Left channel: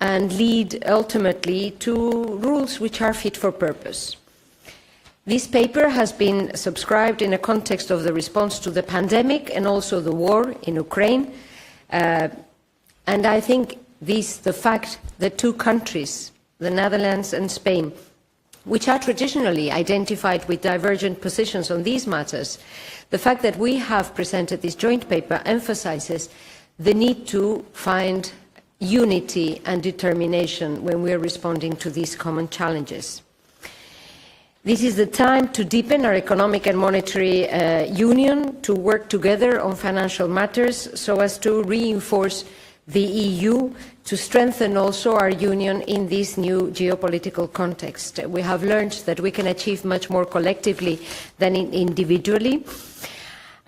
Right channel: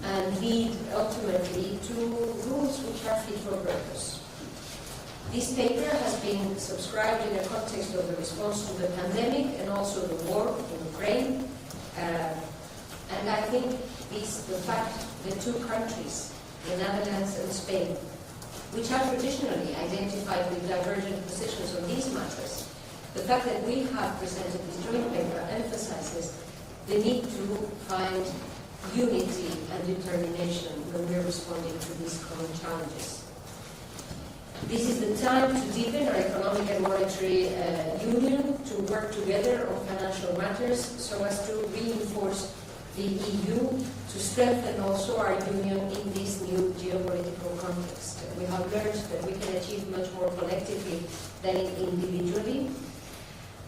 and lead ultimately to rules which are fit for purpose. This paper has been subscribed in a context of the response to the pandemic and also the war in Ukraine. And I think the fact that two countries, the Netherlands and Spain, which are traditionally identified with divergent positions on these matters, the fact that we have presented this joint paper emphasizes the need to find unity and determination when we are responding to these common challenges. This is the time to deepen our economic and monetary union, to work together on financial matters so as to reinforce the EU, to strengthen also our union in this new geopolitical context. We have learned that we can achieve much more collectively than individually,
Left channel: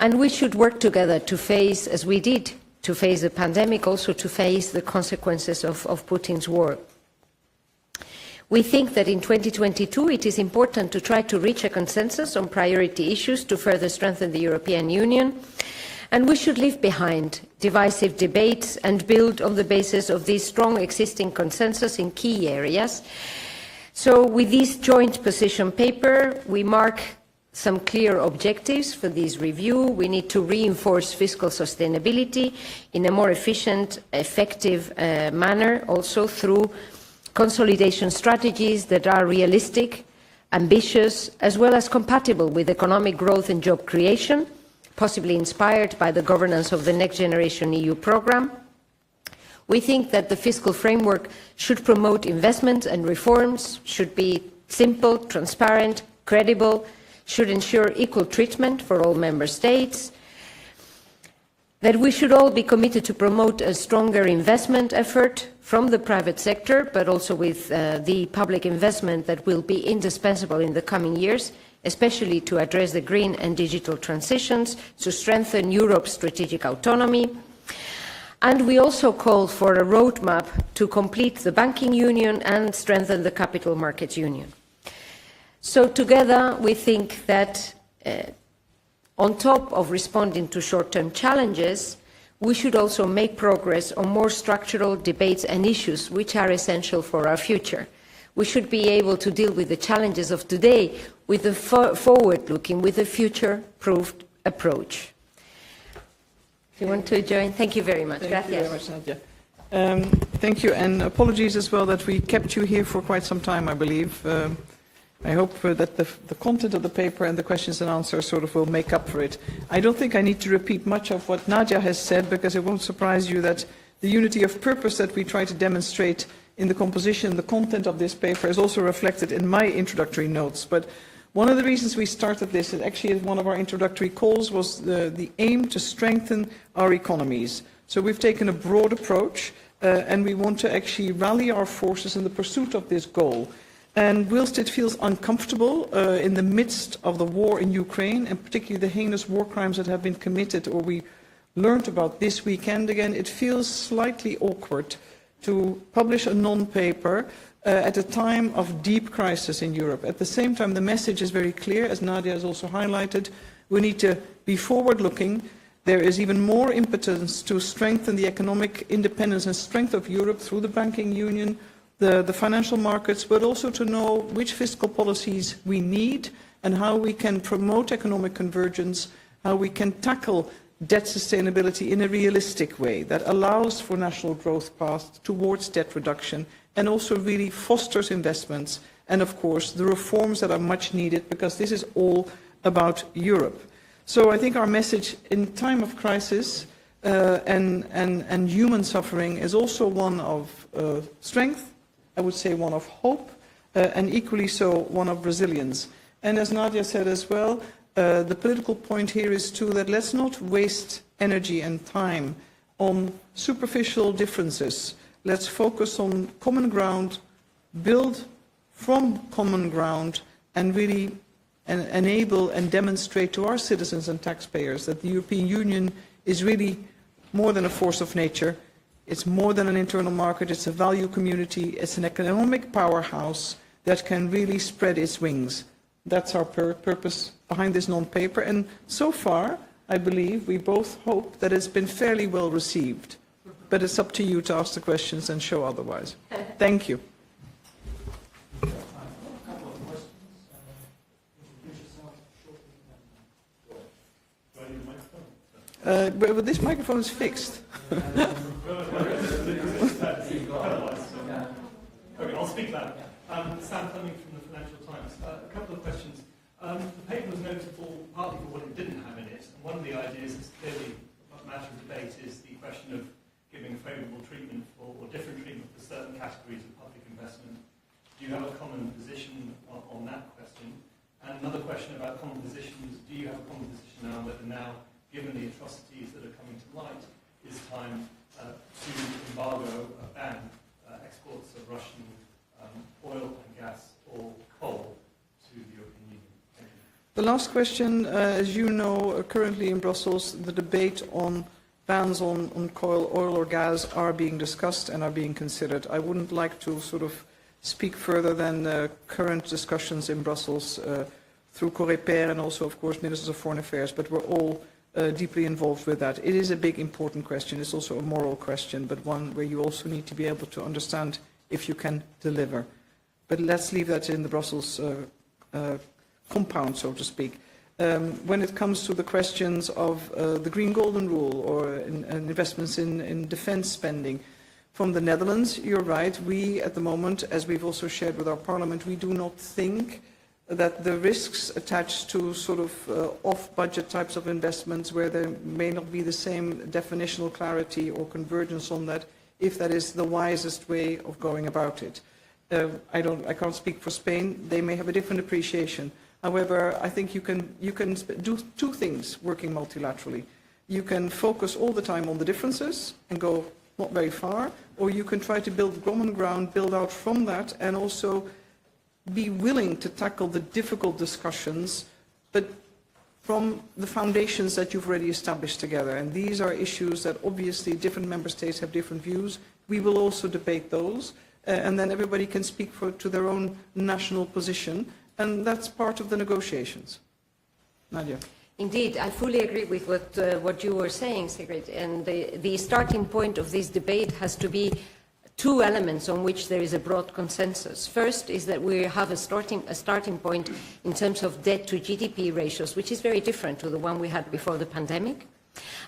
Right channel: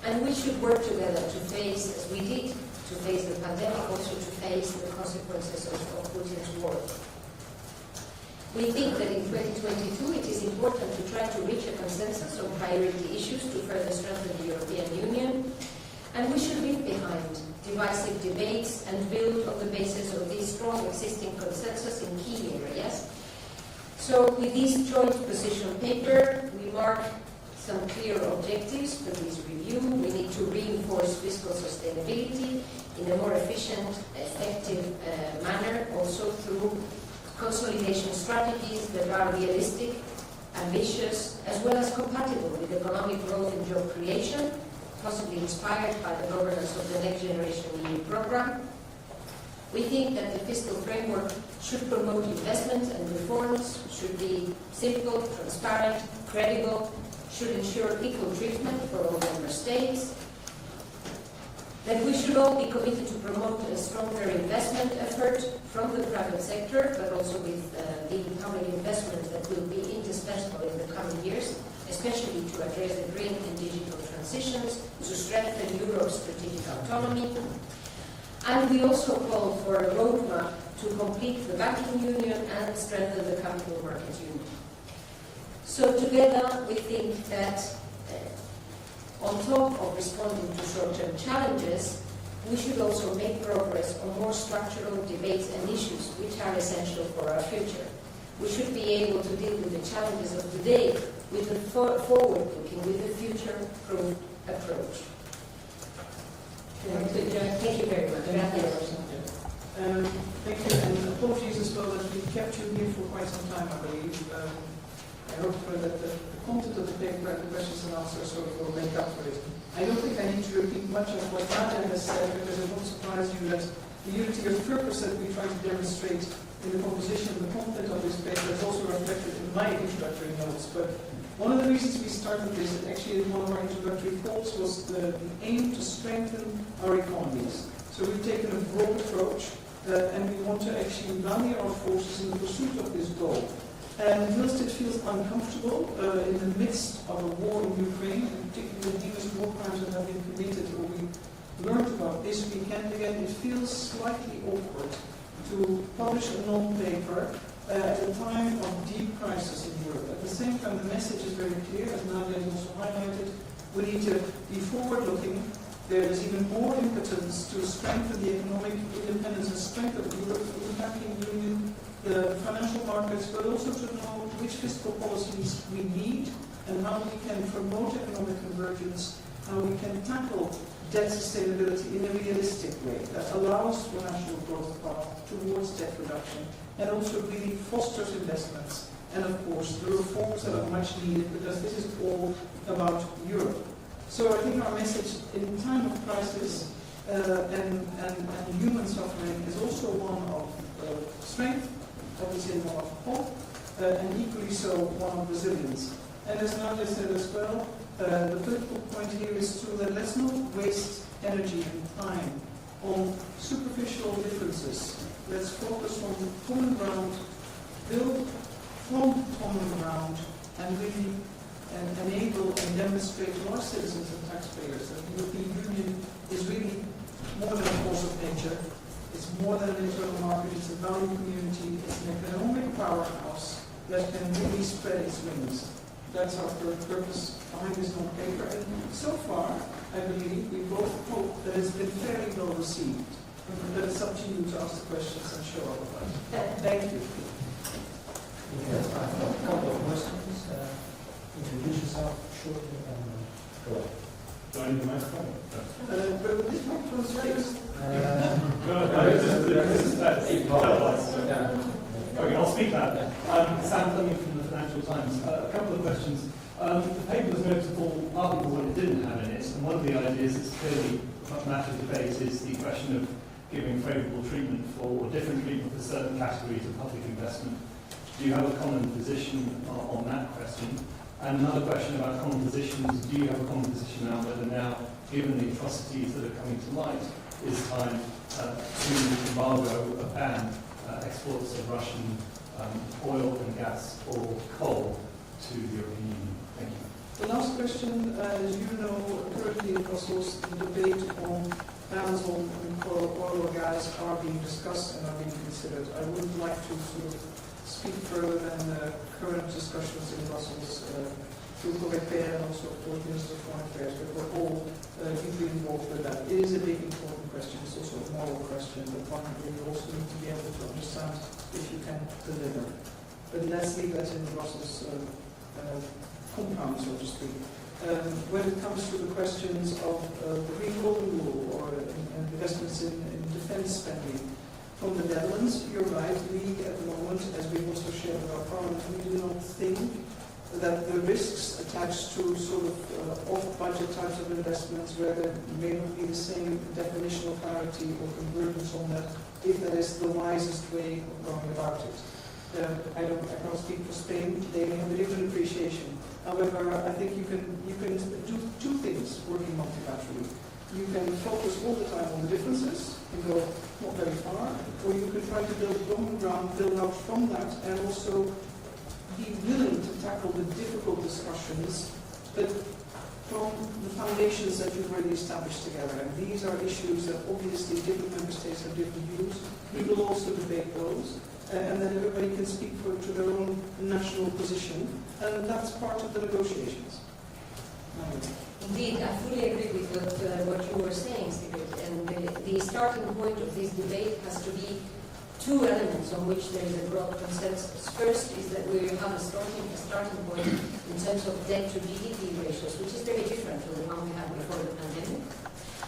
and we should work together to face, as we did, to face the pandemic, also to face the consequences of Putin's war. We think that in 2022 it is important to try to reach a consensus on priority issues to further strengthen the European Union, and we should leave behind divisive debates and build on the basis of this strong existing consensus in key areas. So with this joint position paper, we mark some clear objectives for this review. We need to reinforce fiscal sustainability in a more efficient, effective manner, also through consolidation strategies that are realistic, ambitious, as well as compatible with economic growth and job creation, possibly inspired by the governance of the Next Generation EU programme. We think that the fiscal framework should promote investment and reforms, should be simple, transparent, credible, should ensure equal treatment for all member states, that we should all be committed to promote a stronger investment effort from the private sector, but also with the public investment that will be indispensable in the coming years, especially to address the green and digital transitions, to strengthen Europe's strategic autonomy. And we also call for a roadmap to complete the banking union and strengthen the capital markets union. So together we think that on top of responding to short-term challenges, we should also make progress on more structural debates and issues which are essential for our future. We should be able to deal with the challenges of today with a forward-looking, with a future-proofed approach. You want to join? Thank you very much. Gracias. Thank you, and apologies as well that we kept you here for quite some time, I believe. I hope that the content of the paper and the questions and answers sort of will make up for it. I don't think I need to repeat much of what Nadia has said, because it won't surprise you that the unity of purpose that we try to demonstrate in the composition and the content of this paper is also reflected in my introductory notes. But one of the reasons we started this, and actually one of our introductory calls, was the aim to strengthen our economies. So we've taken a broad approach, and we want to actually rally our forces in the pursuit of this goal. And whilst it feels uncomfortable in the midst of the war in Ukraine, and particularly the heinous war crimes that have been committed or we learned about this weekend again, it feels slightly awkward to publish a non-paper at a time of deep crisis in Europe. At the same time, the message is very clear, as Nadia has also highlighted. We need to be forward-looking. There is even more impotence to strengthen the economic independence and strength of Europe through the banking union, the financial markets, but also to know which fiscal policies we need and how we can promote economic convergence, how we can tackle debt sustainability in a realistic way that allows for national growth path towards debt reduction and also really fosters investments and, of course, the reforms that are much needed, because this is all about Europe. So I think our message in time of crisis and human suffering is also one of strength, I would say one of hope, and equally so one of resilience. And as Nadia said as well, the political point here is too that let's not waste energy and time on superficial differences. Let's focus on common ground, build from common ground, and really enable and demonstrate to our citizens and taxpayers that the European Union is really more than a force of nature. It's more than an internal market, it's a value community, it's an economic powerhouse that can really spread its wings. That's our purpose behind this non-paper, and so far, I believe, we both hope that it's been fairly well received. But it's up to you to ask the questions and show otherwise. Thank you. A couple of questions. Introduce yourself shortly and go ahead. Do I need the microphone? Well, this microphone is fixed. Okay, I'll speak loud. Sam Fleming from the Financial Times. A couple of questions. The paper was notable partly for what it didn't have in it, and one of the ideas that's clearly a matter of debate is the question of giving favourable treatment for, or different treatment for certain categories of public investment. Do you have a common position on that question? And another question about common positions, do you have a common position around whether now, given the atrocities that are coming to light, is time to embargo, ban exports of Russian oil and gas or coal to the European Union? Thank you. The last question, as you know, currently in Brussels, the debate on bans on oil or gas are being discussed and are being considered. I wouldn't like to sort of speak further than current discussions in Brussels through Coreper and also, of course, Ministers of Foreign Affairs, but we're all deeply involved with that. It is a big, important question. It's also a moral question, but one where you also need to be able to understand if you can deliver. But let's leave that in the Brussels compound, so to speak. When it comes to the questions of the Green Golden Rule or investments in defense spending, from the Netherlands, you're right, we at the moment, as we've also shared with our Parliament, we do not think that the risks attached to sort of off-budget types of investments where there may not be the same definitional clarity or convergence on that, if that is the wisest way of going about it. I can't speak for Spain. They may have a different appreciation. However, I think you can do two things working multilaterally. You can focus all the time on the differences and go not very far, or you can try to build common ground, build out from that, and also be willing to tackle the difficult discussions, but from the foundations that you've already established together. And these are issues that obviously different member states have different views. We will also debate those, and then everybody can speak to their own national position, and that's part of the negotiations. Nadia. Indeed, I fully agree with what you were saying, Sigrid. And the starting point of this debate has to be two elements on which there is a broad consensus. First is that we have a starting point in terms of debt to GDP ratios, which is very different to the one we had before the pandemic.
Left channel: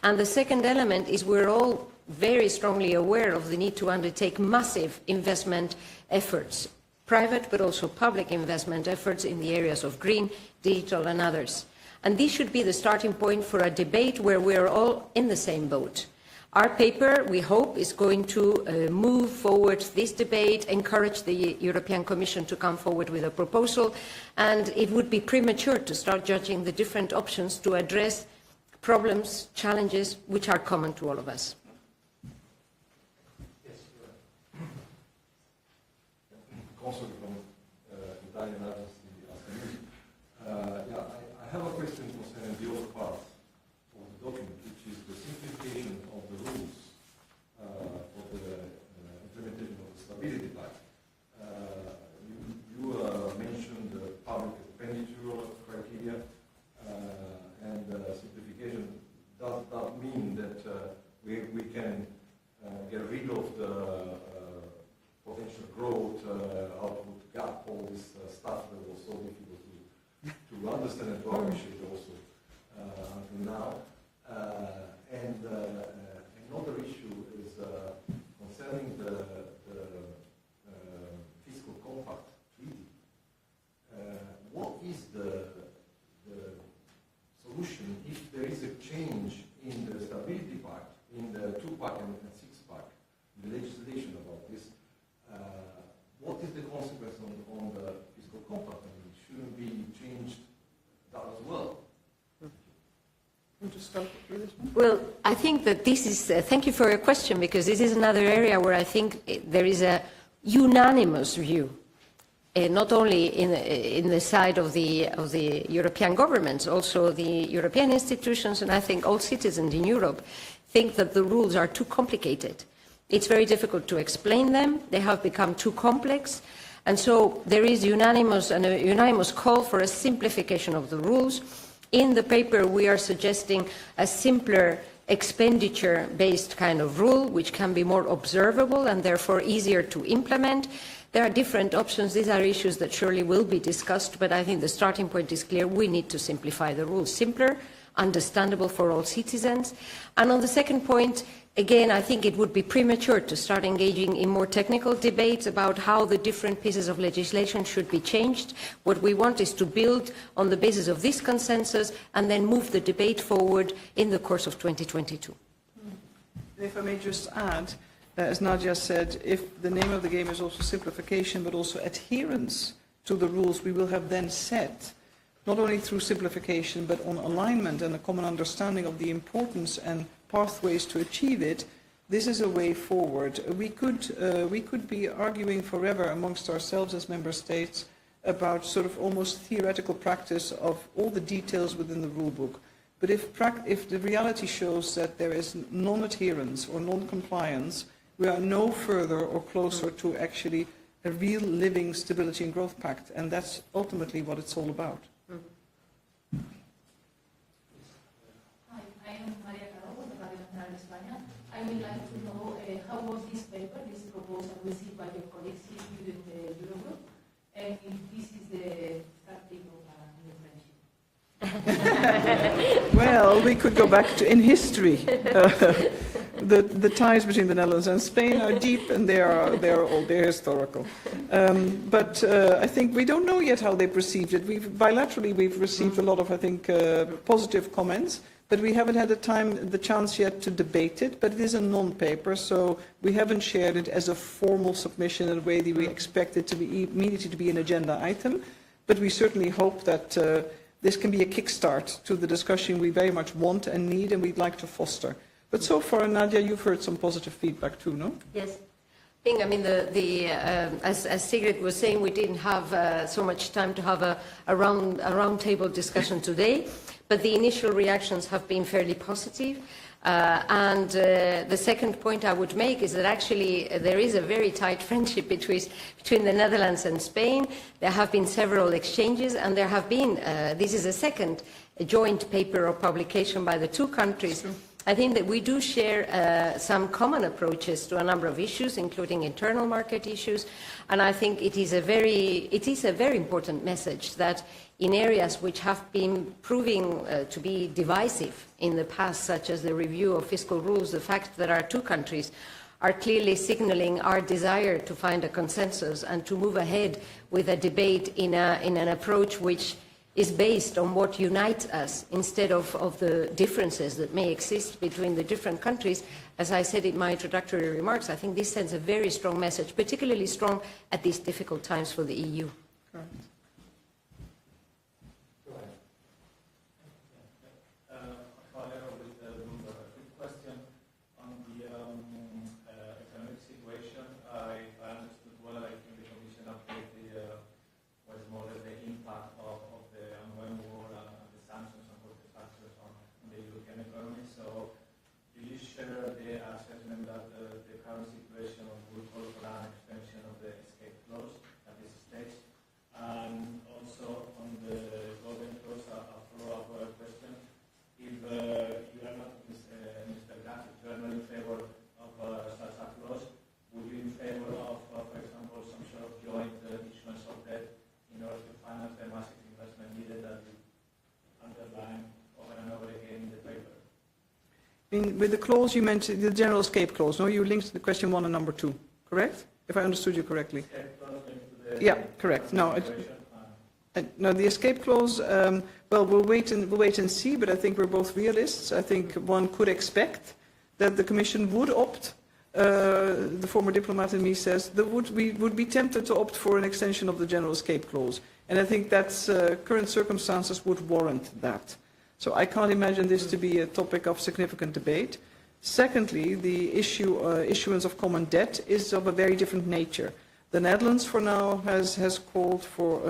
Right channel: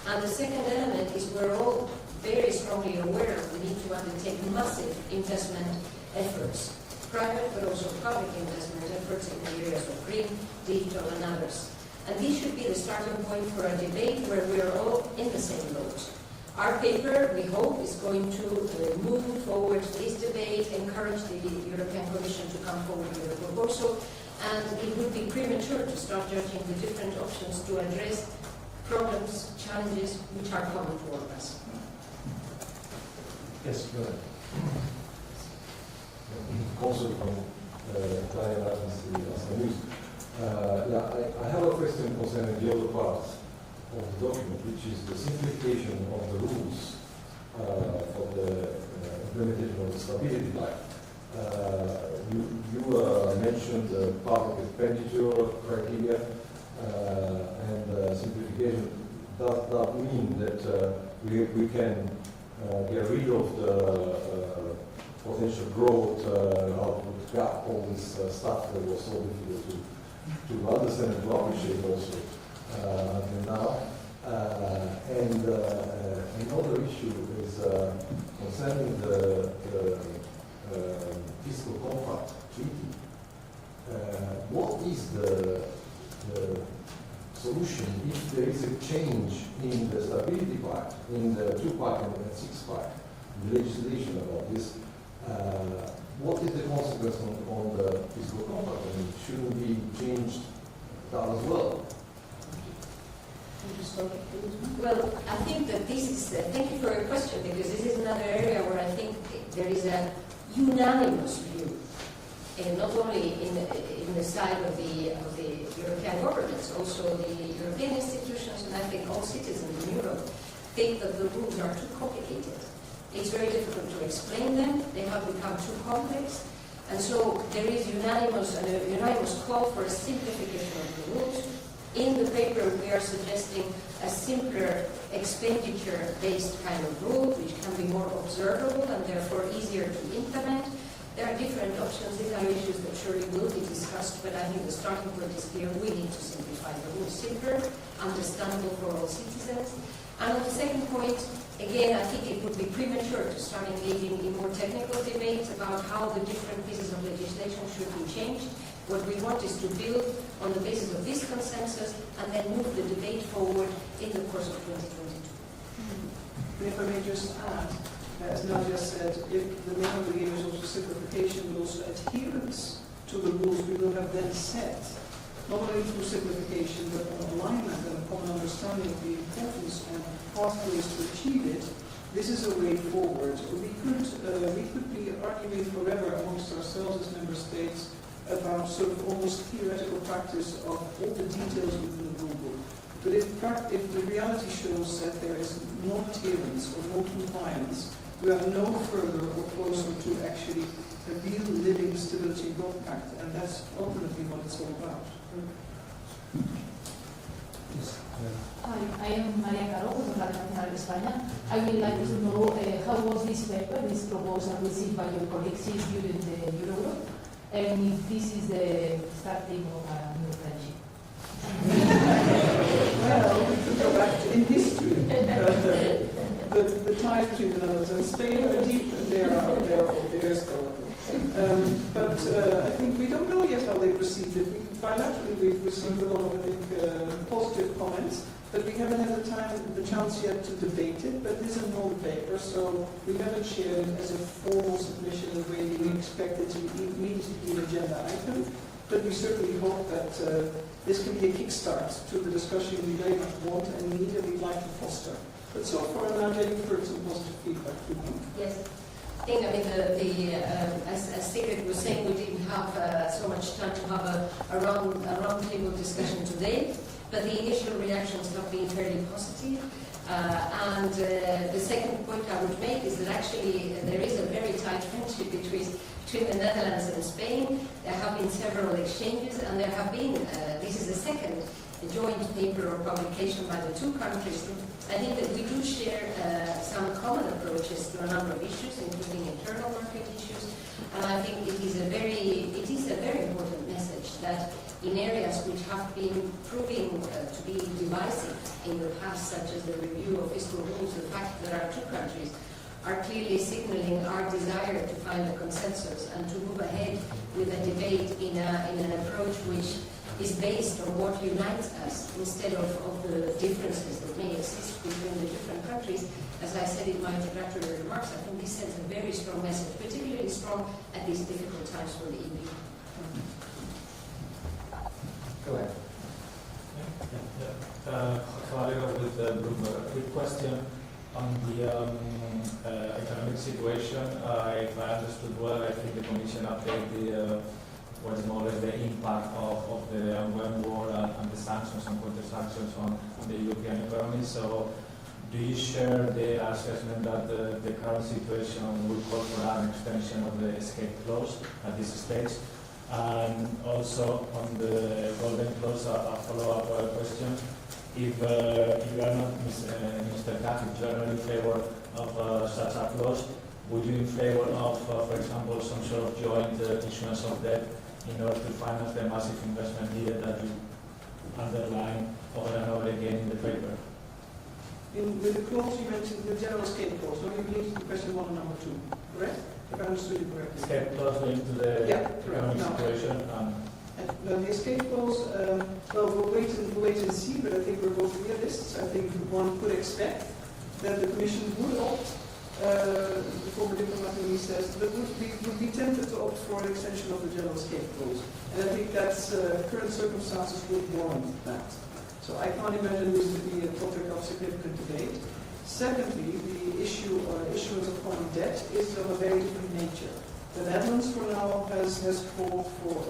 And the second element is we're all very strongly aware of the need to undertake massive investment efforts, private but also public investment efforts in the areas of green, digital and others. And this should be the starting point for a debate where we're all in the same boat. Our paper, we hope, is going to move forward this debate, encourage the European Commission to come forward with a proposal, and it would be premature to start judging the different options to address problems, challenges, which are common to all of us. Yes, go ahead. Also from Nadia Calviño. I have a question concerning the other part of the document, which is the simplification of the rules for the implementation of the stability plan. You mentioned the public expenditure criteria and simplification. Does that mean that we can get rid of the potential growth, output gap, all this stuff that was so difficult to understand and to appreciate also until now? And another issue is concerning the fiscal compact treaty. What is the solution if there is a change in the stability pact, in the 2-pack and 6-pack, the legislation about this? What is the consequence on the fiscal compact? I mean, shouldn't be changed that as well? Well, I think that this is, thank you for your question, because this is another area where I think there is a unanimous view, not only in the side of the European governments, also the European institutions, and I think all citizens in Europe think that the rules are too complicated. It's very difficult to explain them. They have become too complex. And so there is a unanimous call for a simplification of the rules. In the paper, we are suggesting a simpler expenditure-based kind of rule, which can be more observable and therefore easier to implement. There are different options. These are issues that surely will be discussed, but I think the starting point is clear. We need to simplify the rules, simpler, understandable for all citizens. And on the second point, again, I think it would be premature to start engaging in more technical debates about how the different pieces of legislation should be changed. What we want is to build on the basis of this consensus and then move the debate forward in the course of 2022. If I may just add, as Nadia said, if the name of the game is also simplification, but also adherence to the rules we will have then set, not only through simplification, but on alignment and a common understanding of the importance and pathways to achieve it, this is a way forward. We could be arguing forever amongst ourselves as member states about sort of almost theoretical practice of all the details within the rule book. But if the reality shows that there is non-adherence or non-compliance, we are no further or closer to actually a real living stability and growth pact, and that's ultimately what it's all about. Hi, I am Nadia Calviño from Radio Nacional de España. I would like to know how was this paper, this proposal received by your colleagues during the Eurogroup, and if this is the starting of a new friendship. Well, we could go back to in history. The ties between the Netherlands and Spain are deep, and they're historical. But I think we don't know yet how they perceived it. Bilaterally, we've received a lot of, I think, positive comments, but we haven't had the chance yet to debate it. But it is a non-paper, so we haven't shared it as a formal submission in a way that we expect it to be immediately to be an agenda item. But we certainly hope that this can be a kickstart to the discussion we very much want and need, and we'd like to foster. But so far, Nadia, you've heard some positive feedback too, no? Yes. I mean, as Sigrid was saying, we didn't have so much time to have a round table discussion today, but the initial reactions have been fairly positive. And the second point I would make is that actually there is a very tight friendship between the Netherlands and Spain. There have been several exchanges, and there have been, this is a second joint paper or publication by the two countries. I think that we do share some common approaches to a number of issues, including internal market issues, and I think it is a very important message that in areas which have been proving to be divisive in the past, such as the review of fiscal rules, the fact that our two countries are clearly signaling our desire to find a consensus and to move ahead with a debate in an approach which is based on what unites us instead of the differences that may exist between the different countries. As I said in my introductory remarks, I think this sends a very strong message, particularly strong at these difficult times for the EU. Go ahead. With Bloomberg. A quick question on the economic situation. If I understood well, I think the Commission updated what is more or less the impact of the ongoing war and the sanctions and counter-sanctions on the European economy. So do you share the assessment that the current situation will call for an extension of the escape clause at this stage? And also on the golden clause, a follow-up question. If you are not, Mr. Kath, if you are not in favor of such a clause, would you in favor of, for example, some sort of joint issuance of debt in order to finance the massive investment needed that you underline over and over again in the paper? With the clause you mentioned, the general escape clause, no? You linked the question 1 and number 2, correct? If I understood you correctly. Escape clause linked to the yeah, correct. No, no, the escape clause, well, we'll wait and see, but I think we're both realists. I think one could expect that the Commission would opt, the former diplomat in me says, that would be tempted to opt for an extension of the general escape clause. And I think that's, current circumstances would warrant that. So I can't imagine this to be a topic of significant debate. Secondly, the issuance of common debt is of a very different nature. The Netherlands, for now, has called for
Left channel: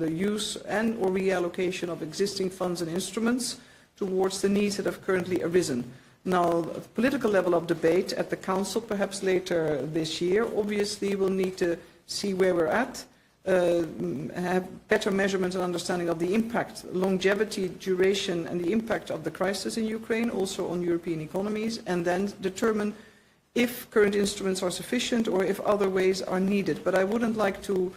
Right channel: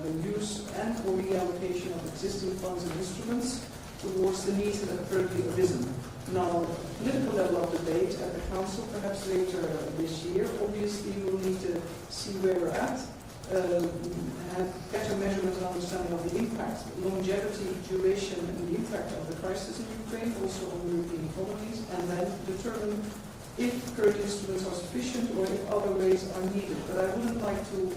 the use and or reallocation of existing funds and instruments towards the needs that have currently arisen. Now, political level of debate at the Council, perhaps later this year, obviously we'll need to see where we're at. have better measurement and understanding of the impact, longevity, duration, and the impact of the crisis in Ukraine, also on European economies, and then determine if current instruments are sufficient or if other ways are needed. But I wouldn't like to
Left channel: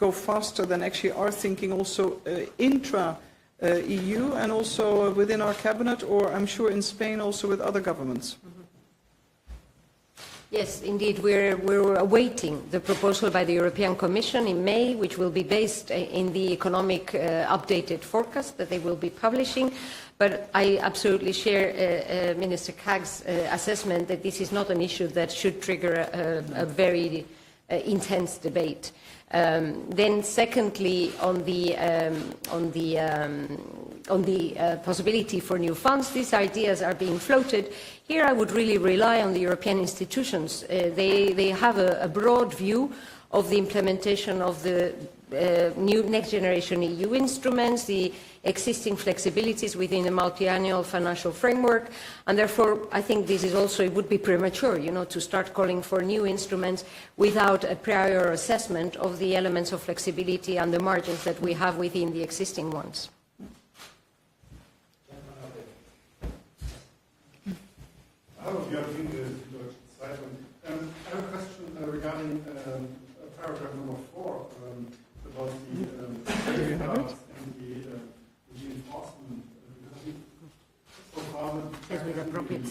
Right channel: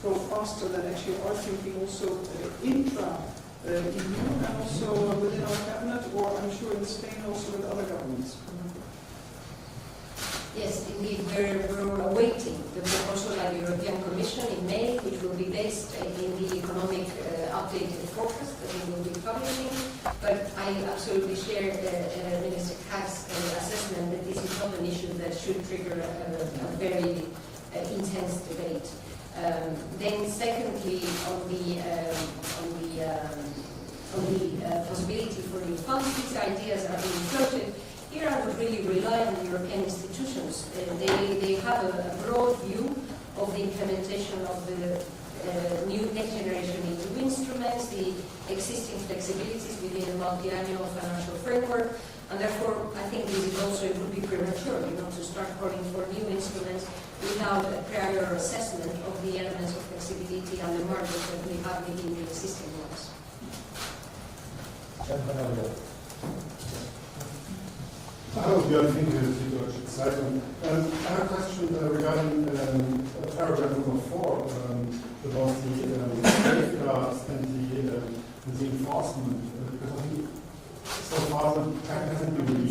go faster than actually our thinking also intra-EU and also within our cabinet, or I'm sure in Spain also with other governments. Yes, indeed. We're awaiting the proposal by the European Commission in May, which will be based in the economic updated forecast that they will be publishing. But I absolutely share Minister Kaag's assessment that this is not an issue that should trigger a very intense debate. Then, secondly, on the possibility for new funds, these ideas are being floated. Here I would really rely on the European institutions. They have a broad view of the implementation of the new next generation EU instruments, the existing flexibilities within the multi-annual financial framework, and therefore I think this is also, it would be premature, to start calling for new instruments without a prior assessment of the elements of flexibility and the margins that we have within the existing ones. Hallo, Björn Finke, Süddeutsche Zeitung. I have a question regarding paragraph number 4 about the safeguards and the enforcement. Because I think so far the tax hasn't been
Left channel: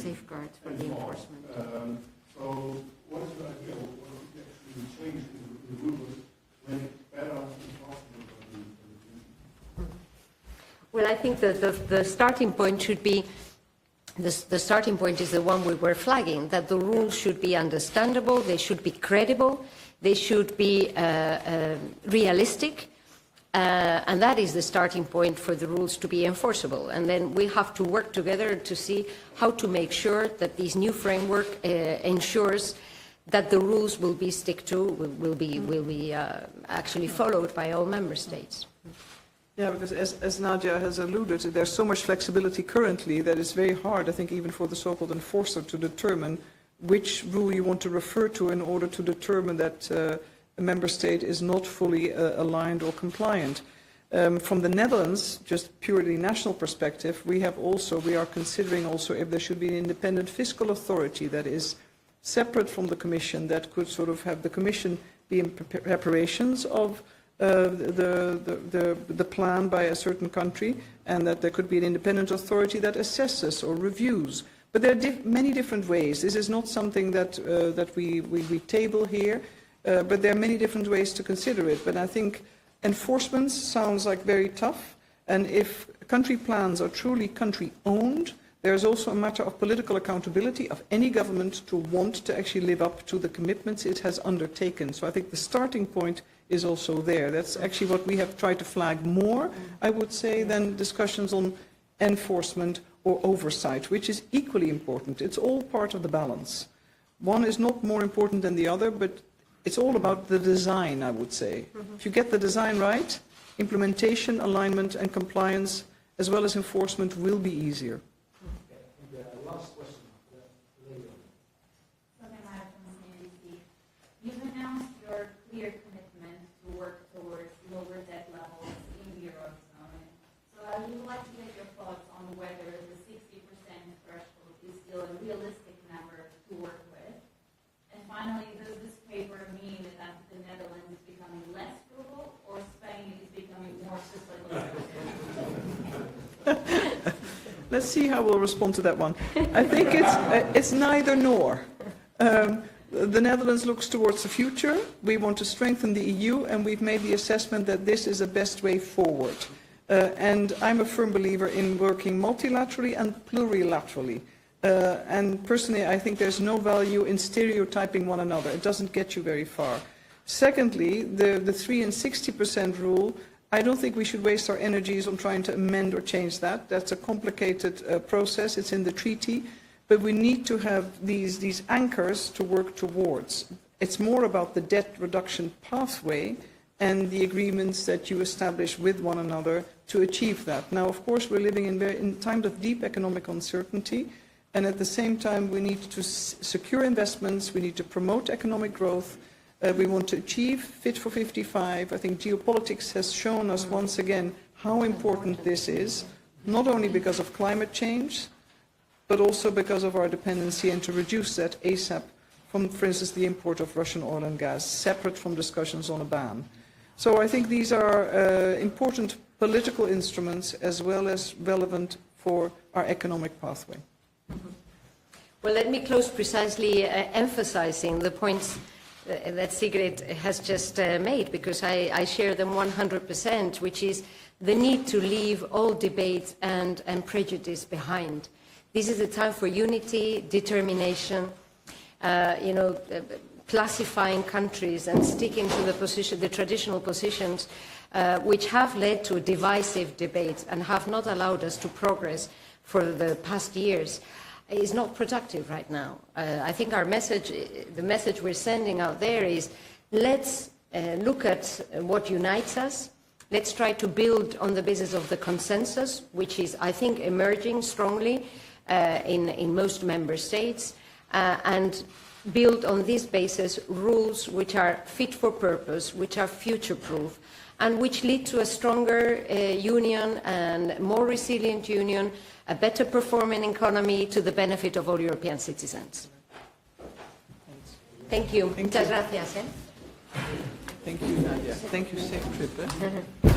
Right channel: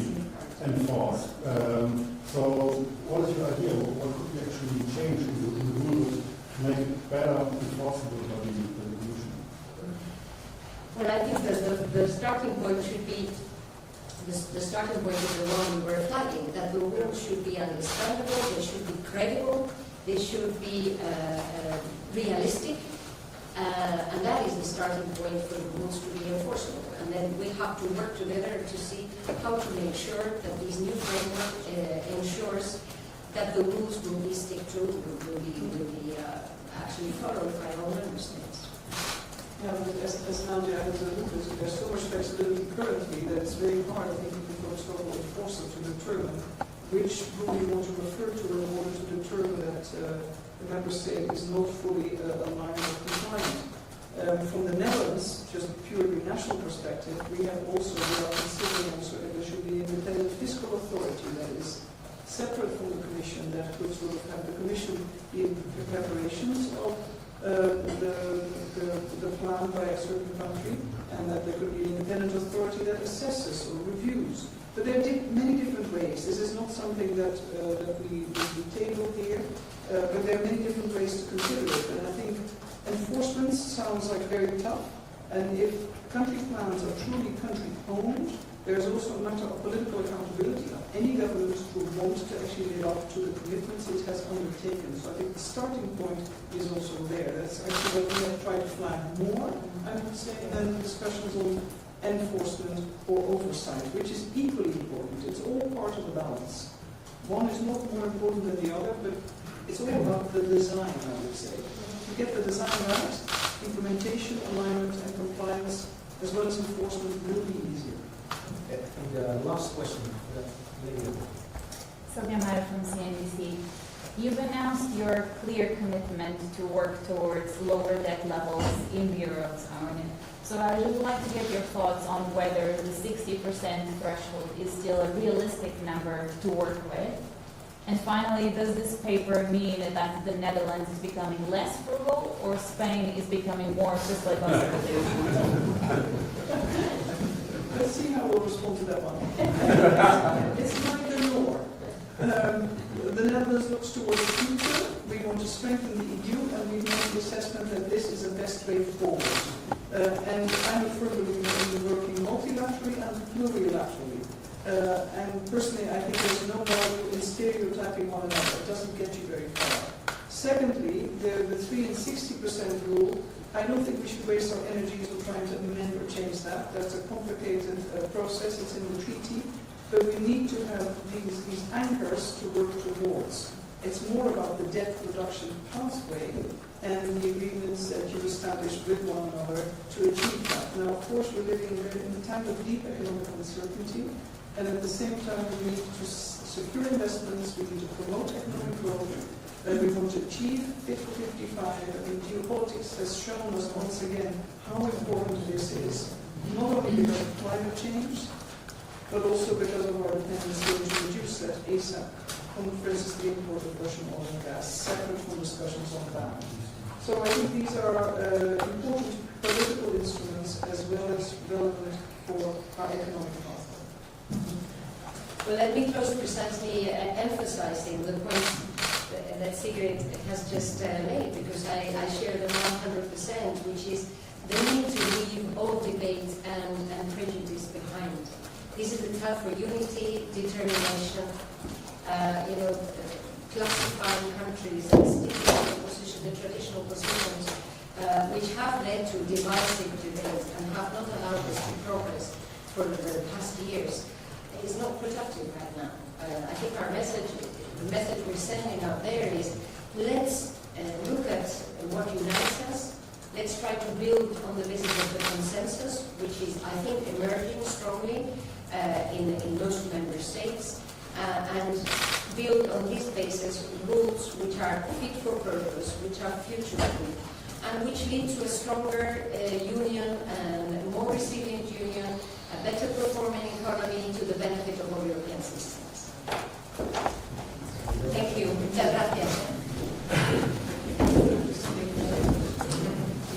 enforced. So what is your idea? What could we actually change in the rules to make it better enforceable by the Commission? Well, I think the starting point should be the starting point is the one we were flagging, that the rules should be understandable, they should be credible, they should be realistic, and that is the starting point for the rules to be enforceable. And then we have to work together to see how to make sure that this new framework ensures that the rules will be will be actually followed by all member states. Yeah, because as Nadia has alluded to, there's so much flexibility currently that it's very hard, I think, even for the so-called enforcer to determine which rule you want to refer to in order to determine that a member state is not fully aligned or compliant. From the Netherlands, just purely national perspective, we are considering also if there should be an independent fiscal authority that is separate from the Commission, that could sort of have the Commission be in preparations of the plan by a certain country, and that there could be an independent authority that assesses or reviews. But there are many different ways. This is not something that we table here, but there are many different ways to consider it. But I think enforcement sounds like very tough, and if country plans are truly country-owned, there is also a matter of political accountability of any government to want to actually live up to the commitments it has undertaken. So I think the starting point is also there. That's actually what we have tried to flag more, I would say, than discussions on enforcement or oversight, which is equally important. It's all part of the balance. One is not more important than the other, but it's all about the design, I would say. If you get the design right, implementation, alignment, and compliance, as well as enforcement, will be easier. The last question, lady. Sylvia Meyer from CNBC. You've announced your clear commitment to work towards lower debt levels in the Eurozone. So I would like to get your thoughts on whether the 60% threshold is still a realistic number to work with. And finally, does this paper mean that the Netherlands is becoming less frugal or Spain is becoming more fiscally conservative? Let's see how we'll respond to that one. I think it's neither nor. The Netherlands looks towards the future. We want to strengthen the EU, and we've made the assessment that this is the best way forward. And I'm a firm believer in working multilaterally and plurilaterally. And personally, I think there's no value in stereotyping one another. It doesn't get you very far. Secondly, the 3 and 60% rule, I don't think we should waste our energies on trying to amend or change that. That's a complicated process. It's in the treaty. But we need to have these anchors to work towards. It's more about the debt reduction pathway and the agreements that you establish with one another to achieve that. Now, of course, we're living in times of deep economic uncertainty, and at the same time, we need to secure investments, we need to promote economic growth, We want to achieve Fit for 55. I think geopolitics has shown us once again how important this is, not only because of climate change, but also because of our dependency and to reduce that ASAP from, for instance, the import of Russian oil and gas, separate from discussions on a ban. So I think these are important political instruments as well as relevant for our economic pathway. Well, let me close precisely emphasizing the points that Sigrid has just made, because I share them 100%, which is the need to leave all debate and prejudice behind. This is a time for unity, determination, classifying countries and sticking to the traditional positions which have led to divisive debate and have not allowed us to progress for the past years, is not productive right now. I think our message, the message we're sending out there is, let's look at what unites us. Let's try to build on the basis of the consensus, which is, I think, emerging strongly in most member states, and build on this basis rules which are fit for purpose, which are future-proof, and which lead to a stronger union and more resilient union, a better performing economy to the benefit of all European citizens. Thank you. Muchas gracias. Thank you. Thank you.